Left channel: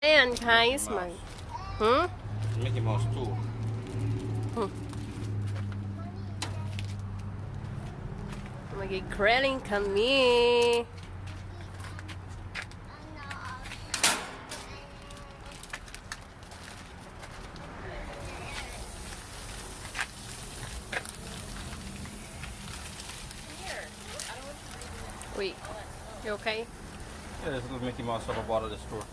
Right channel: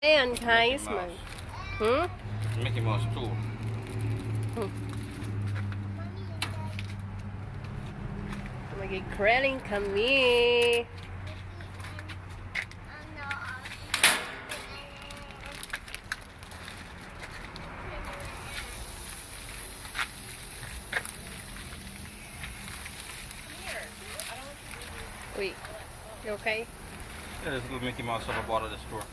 Ayan guys, Mickey Mouse too. Mag-grilling kami. Wait, you okay? Yeah, there's a little Mickey Mouse at the bottom of the store.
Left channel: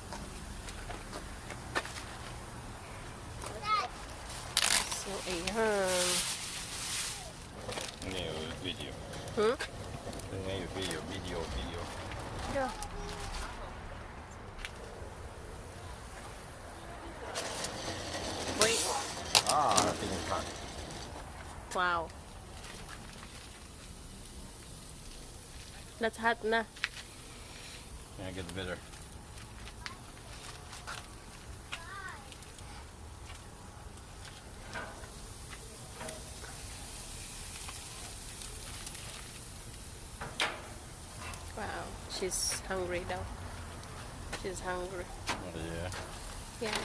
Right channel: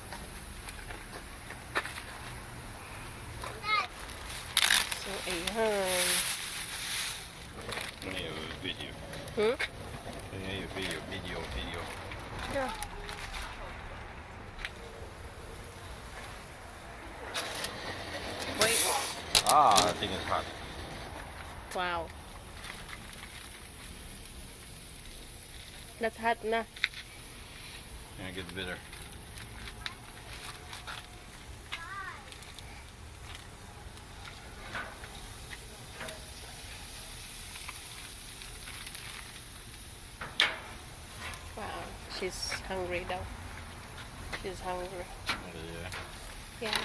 So, ayan. Yeah, video. Yeah, video. Yeah. Wait. Ah, that thing is hot. Wow. That's hot na. Gonna get bitter. Wow. She's hungry daw. She's hungry. Yeah. Yeah.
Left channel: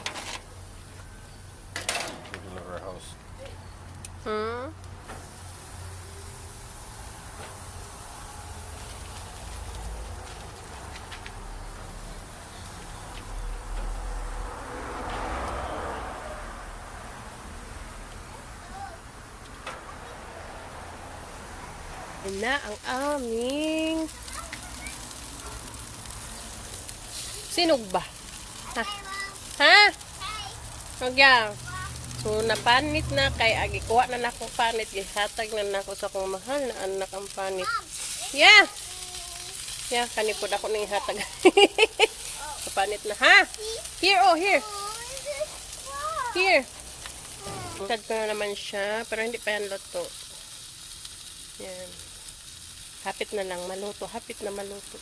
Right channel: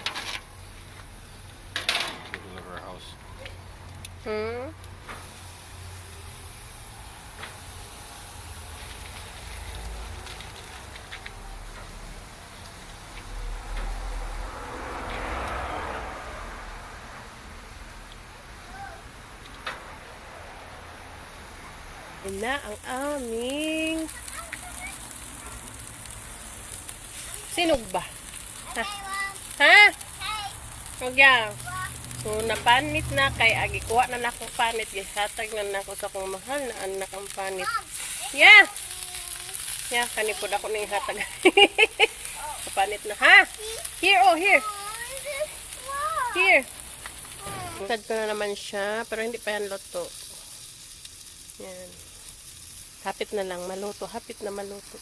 People live in our house. Yan na ang aming sinog ba? Ha? Ha? Huwag yan. So, napanit na kay agi. Kuha na nako panit. Gihatag na nako sa kong mahal na anak ang panit. Yeah! Yeah, kanipod ako ng hatag. Panit na. Ha? Here, oh, here. Here. Sad ko na naman siya. Pero hindi pa yan luto. Yan. Hapit na lang maluto. Hapit na maluto.